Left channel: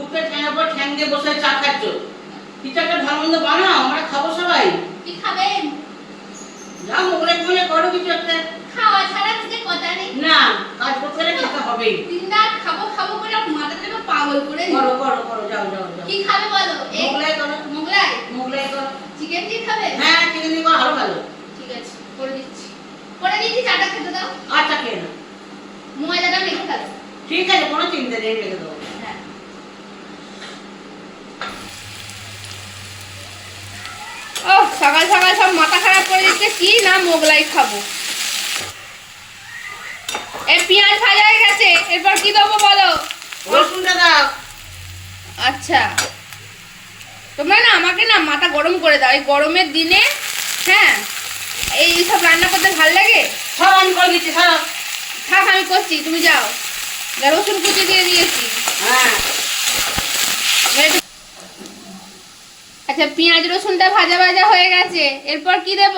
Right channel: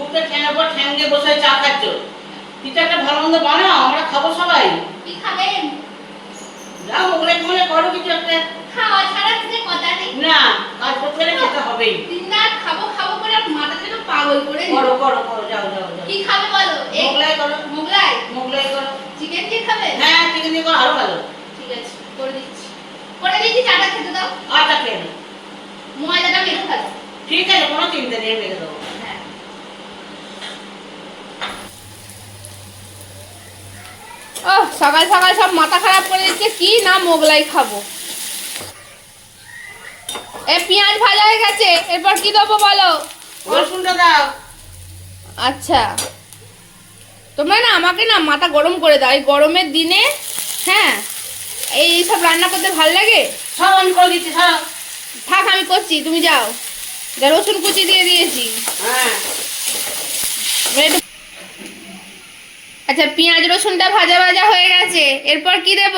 মুখে ঠ্যাঙের পর ঠ্যাং দিয়ে বসে চা খাচ্ছ। কিছু একটা ভালো মন্দ বানাও, আমরা খাবো সবাই। কি খাবেন? যাও মোগলাই মোগলাই করো কিছু একটা। খাওয়া ছাড়া কিছু কথা নেই। না, কাজ করতে হলে খেতে হবেই। দিনরাত খাবো খাবো করে মাথাটাকে পাগল করে করো করো করো, যাও যাও যাও। কি খাবে বলো? মোগলাই করো। মোগলাই? মোগলাই করো। চিকেন দিয়ে খাবে? হ্যাঁ, চিকেন দিয়ে করো, আরো ভালো। ঠিক আছে, করে দিচ্ছি। করে দিচ্ছি, চাটা খেতে দাও। আচ্ছা, খেয়ে নাও। ময়দাটা মেখে ফেলো। ঠিক আছে, কোনো চিন্তা নেই, মেখে দেবো। হ্যাঁ। ও সকাল সকাল সব মাথা খারাপ করে দিচ্ছে, কি না মোগলাই খাবো। পেঁয়াজ ভাজা হয়ে গেছে, এরপর কি দেবো বলো? রসুনটা দাও। আচ্ছা, তোমরা না আমাকে না মাথা গরম করে দাও এই গরমের দিনে। হ্যাঁ, এই সব রান্না করতে ভালো লাগে। সব আমি করে দিচ্ছি, সব। থাক, আমি করছি, তুমি যাও। রসুন কুচি দিয়ে দিয়েছি। হ্যাঁ। আচ্ছা, পেঁয়াজ রসুনটা ভাজা ভাজা হয়ে গেছে, এরপর কি দেব?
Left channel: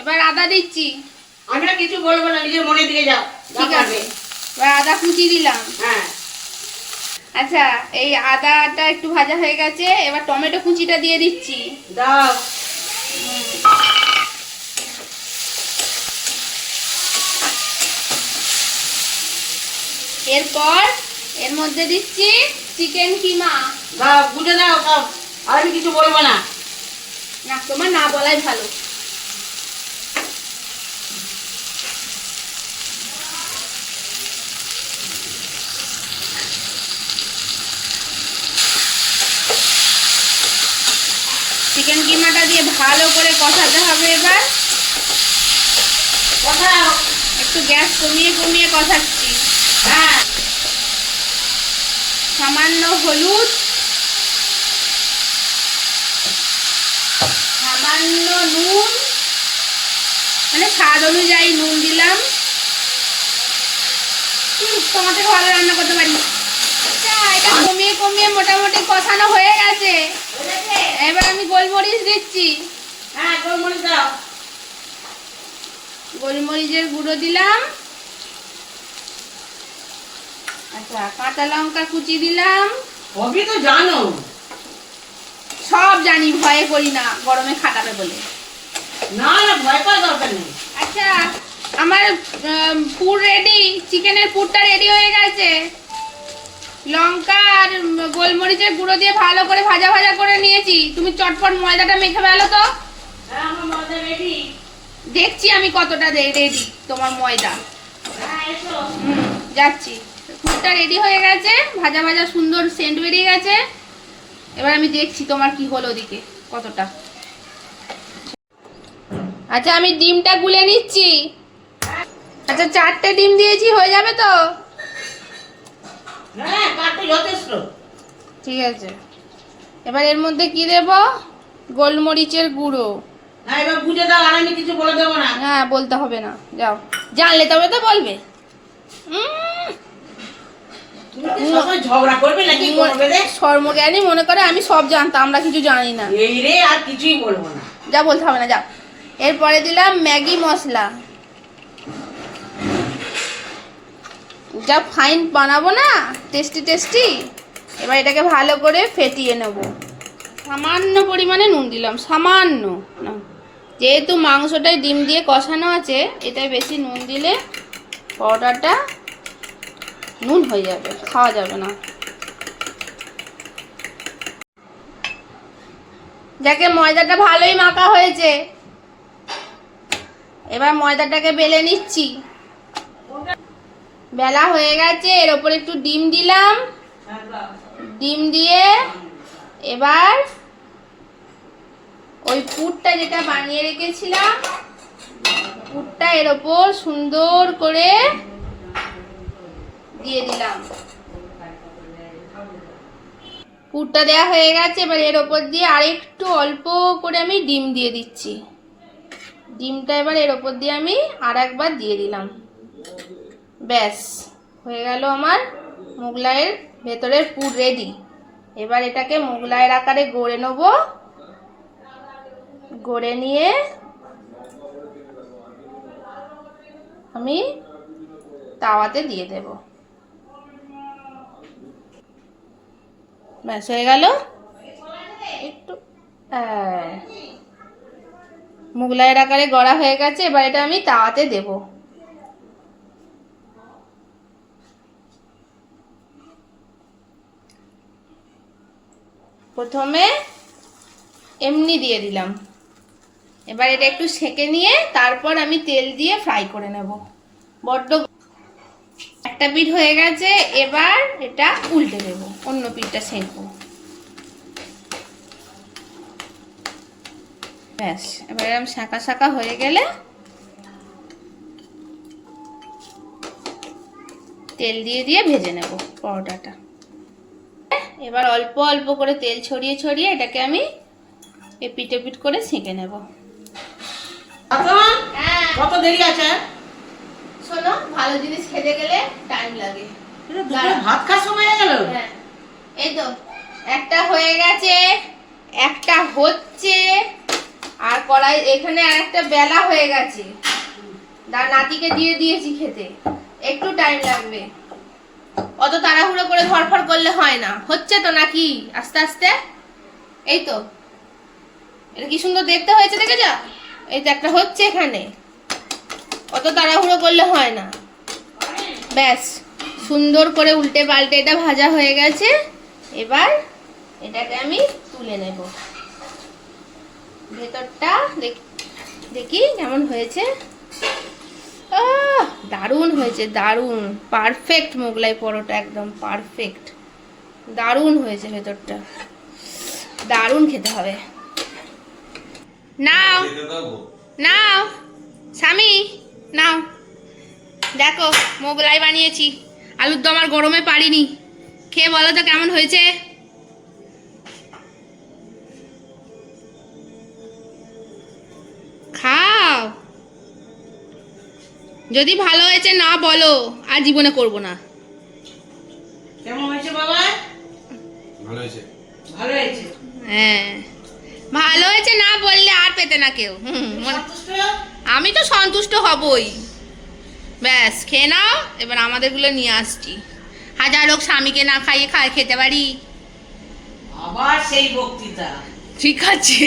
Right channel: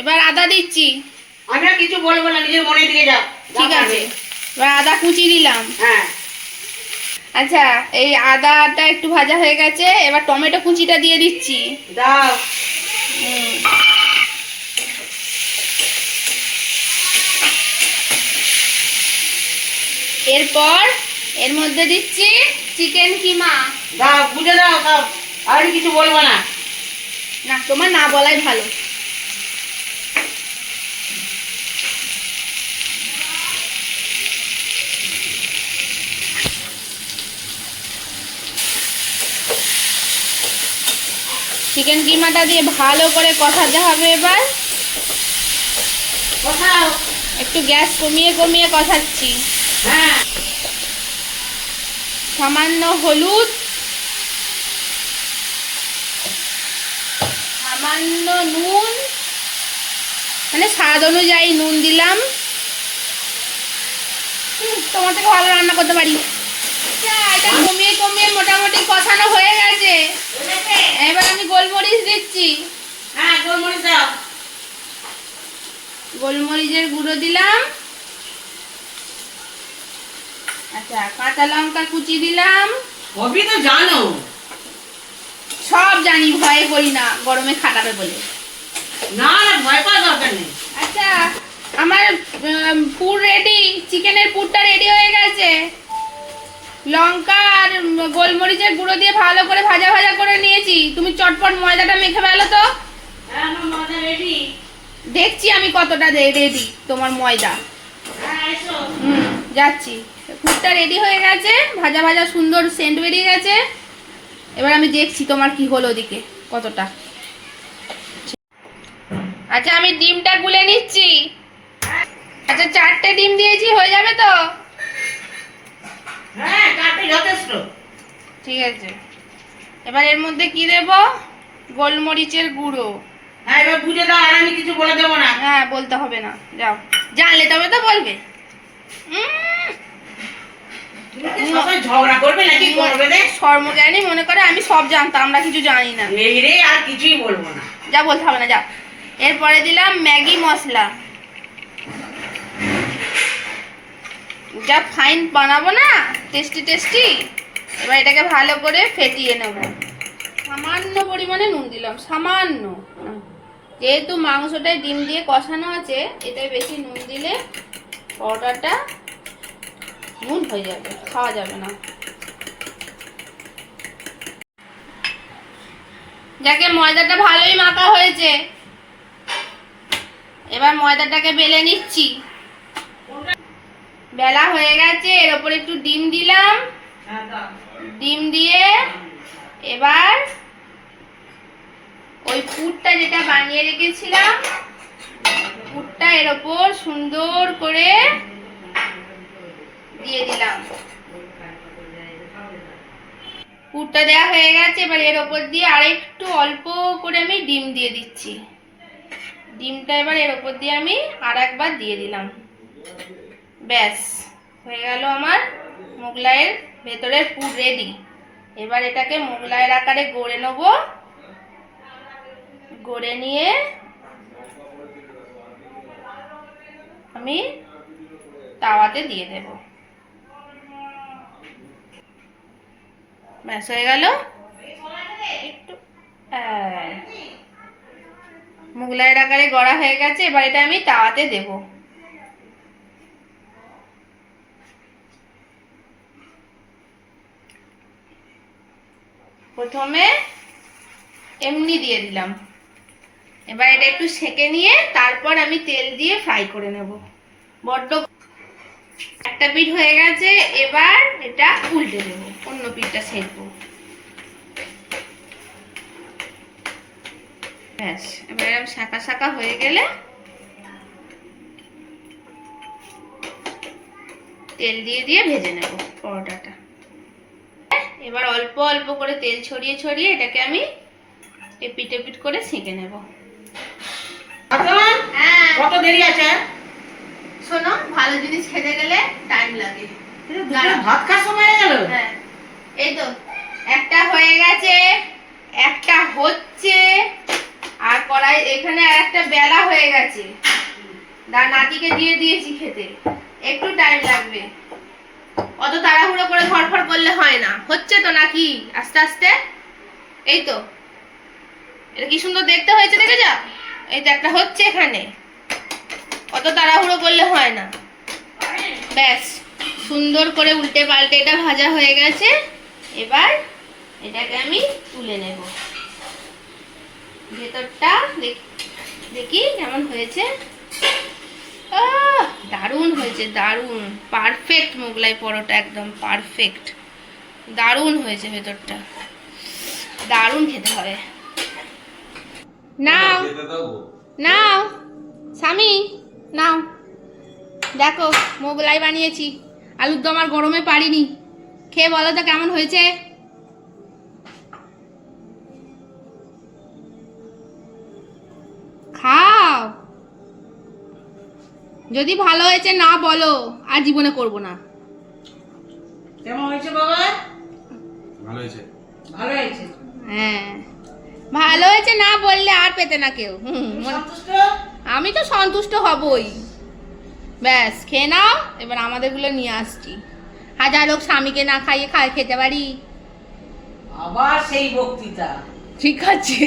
এবার আদা দিচ্ছি। আমি আর কিছু বলবো না, নিজের মনের দিকে যাও। ঠিক আছে, এবার আদা কুচি দিলাম। হ্যাঁ। আচ্ছা, এই আদাটা একটু ভাজা হয়ে গেছে, এবার টমেটো কুচিটা দিয়ে দিচ্ছি। দাও। এরপর এর মধ্যে দিচ্ছি চিকেন কিমা। দাও, বুঝে দাও সব। আর আমি কিছু বলবো না। না, তোমার না বলাই ভালো। চিকেন কিমাটা দিয়ে ভালো করে কষাতে হবে। এবার কোথাও। একটু গ্যাস কমিয়ে কমিয়ে কষাচ্ছি। হ্যাঁ। সামান্য হলুদ, সামান্য নুন, মানে স্বাদ অনুযায়ী নুন দিলাম। তোমার থেকে ভালো রান্না করতে পারি। এটা কমিয়ে কমিয়ে মোটামুটি কষানো হয়ে গেছে। এবার আমি গোলমরিচ দিচ্ছি। হ্যাঁ, গোলমরিচ দাও। গোলমরিচের গুঁড়ো দিলাম। আচ্ছা, কাঁচা লঙ্কা কুচি দিলাম। সবই তো জানো। সব জানি, ভয়ে করি না, গরমে খাটাবে বলে। না না, ভয় পাওয়ার দরকার নেই। আচ্ছা, আমার পুর রেডি, চিকেনের পুরটা রেডি হয়ে গেছে। লঙ্কা আর গোলমরিচের গুঁড়ো দিয়ে ভালো করে ভাজা ভাজা করে নিয়েছি। তুমি চটপট ময়দাটা মেখে ফেলো তো। হ্যাঁ, আমার মজা রেডি। দেখছি আমি কতটা রেডি তোমার ময়দা। হ্যাঁ, এসো। যাচ্ছি। পুরটা রেডি হয়ে গেছে, ভাজা ভাজা সুন্দর সেন্ট বেরিয়ে গেছে। এবার আমি দেখছি তোমার কি হলো ওদিকে কতটা। আচ্ছা, আমি ডিমটা গুলে নিচ্ছি। আচ্ছা, 4টে ডিম দিয়েছি, হয়ে যাবে তো? হ্যাঁ, কাটতে যথেষ্ট। ঠিক আছে, এবার এর মধ্যে কি দেব? গোলমরিচের গুঁড়ো। হ্যাঁ, এবার বুঝে দাও, আর আমি কিছু বলে দেবো না। হ্যাঁ, বলতে হবে না, যাও। জানলে তবে তো বলবে। তুমি কি সবাই ঝগড়া করবে নাকি করবে রে? সর্বজ্ঞানী মনে করে আমি সব জানতাম, আমরা কিছু জানি না। এই রে, আর কিছুই বলবো না। যা, বলতে হবে না, যাও। এরপরে দিলাম ম্যাগি মশলা। যা ফাইন বানাবো না, টেস্টি টেস্টি। এবার এটাকে ভালো করে ফেটিয়ে নেব। সামান্য পরিমাণে নুন দিলাম, সামান্য। যেহেতু মাংসটায় ডিম দিয়ে কষানো আছে, এটাই বেশি নুন দিলে পাউডারটা নুন হয়ে যাবে, খাওয়া যাবে না। যাকে ময়দাটা ভালোই মাখা হয়েছে, এবার ময়দাটাকে বেলে নিচ্ছি। বেলা হয়ে গেছে, এর উপর একটু ডিম দিলাম। ডিম দিয়ে এবার ওই পুরটা যেটা বানিয়ে রেখেছিলাম, পুরটা এর উপর সুন্দর করে দিয়ে দিলাম। পুরটা দেওয়া হয়ে গেছে, এবার এর উপর দিয়ে আরেকটু অল্প করে আমি ডিম দিয়ে দিচ্ছি। ডিমটা এবার এর উপর দিয়ে আমি আর একবার দিয়ে দিলাম। ব্যাস, হয়ে গেল আমার মোগলাইয়ের ভেতরের পুর রেডি। এবার এটাকে মোগলাইয়ের আকারে গড়ে নেব। গড়ে নিয়ে আমি তাওয়াতে দিয়ে দেব। ব্যাস হয়ে গেল। একটু মোগলাইয়ের আকারে গড়া হয়ে গেছে। এবার এটা আমি তাওয়াতে দেব। প্রথমে এমনি দিয়ে দিলাম, এবার এটা একটু সেঁকে নিয়ে তারপর আমি তেল দিয়ে ফ্রাই করে নেব। বড্ড একটা পিঠ হয়ে গেছে, এবার এটা উল্টে দেব, অন্য পিঠটা সেঁকবো। ব্যাস এবার এরকম শাঁকা শাঁকা হয়ে গেলে তেল দিয়ে দিয়ে ভেজে নেব পরোটাটা। এবার অল্প অল্প করে তেল ছড়িয়ে ছড়িয়ে এটাকে আমি এপিট এপিট করে সেঁকে নেব। হ্যাঁ, কত দেরি আছে? শোনো, ভালো জিনিস খেতে গেলে টাইম লাগে। ভাত খাওয়ার সময় হয়ে গেল। হ্যাঁ, এই তো একটা হয়ে গেছে, একটা হচ্ছে, আর কড়াই এখানে আর একটা বেলা হয়ে গেছে। নাতিকে দিয়ে দিয়েছি খেতে, একটু টাইম লাগবে। অত তাড়াহুড়ো করে ধরফর করলে হয় না। হচ্ছে তো নাকি আস্তে আস্তে? এই তো, এটা কি সুন্দর দেখতে হয়েছে, দেখে যা। এই তো একটা হচ্ছে এখানে, অত তাড়াহুড়ো করলে হয় না। ব্যাস সুন্দর করে উল্টে পাল্টে এটা ভাজা হয়ে গেছে। এবার এটাকে আমি তুলে নেব। ভেতরটা দেখি কেমন হয়েছে। দারুণ হয়েছে, দারুণ, পারফেক্ট মোগলাই পরোটা, একদম পারফেক্ট, দারুণ হয়েছে ভেতরটা, দারুণ খেতে হবে। নাও নাও স্বামী, নাও দেখো মোগলাই বানিয়েছি। আলুর দম আর গরমে পারিনি, খেয়ে বলো তো কেমন হয়েছে। খাও, যদি ভালো হয়েছে না বলো আর জীবনে করব না। কেমন হয়েছে বাবা? ভালো হয়েছে। ভালো হয়েছে। হ্যাঁ, ভালো হয়েছে না বললে আর পেতে না কেউ। সন্তুষ্ট? আমি তো সন্তুষ্ট হবই। ব্যাস খেয়ে নাও, এবার আমাদেরগুলো নিয়ে আসছি। হাজার লোক স্বামীকে না খাইয়ে খেতে পারি। আবার সেই বক্তৃতা। ঠিক আছে।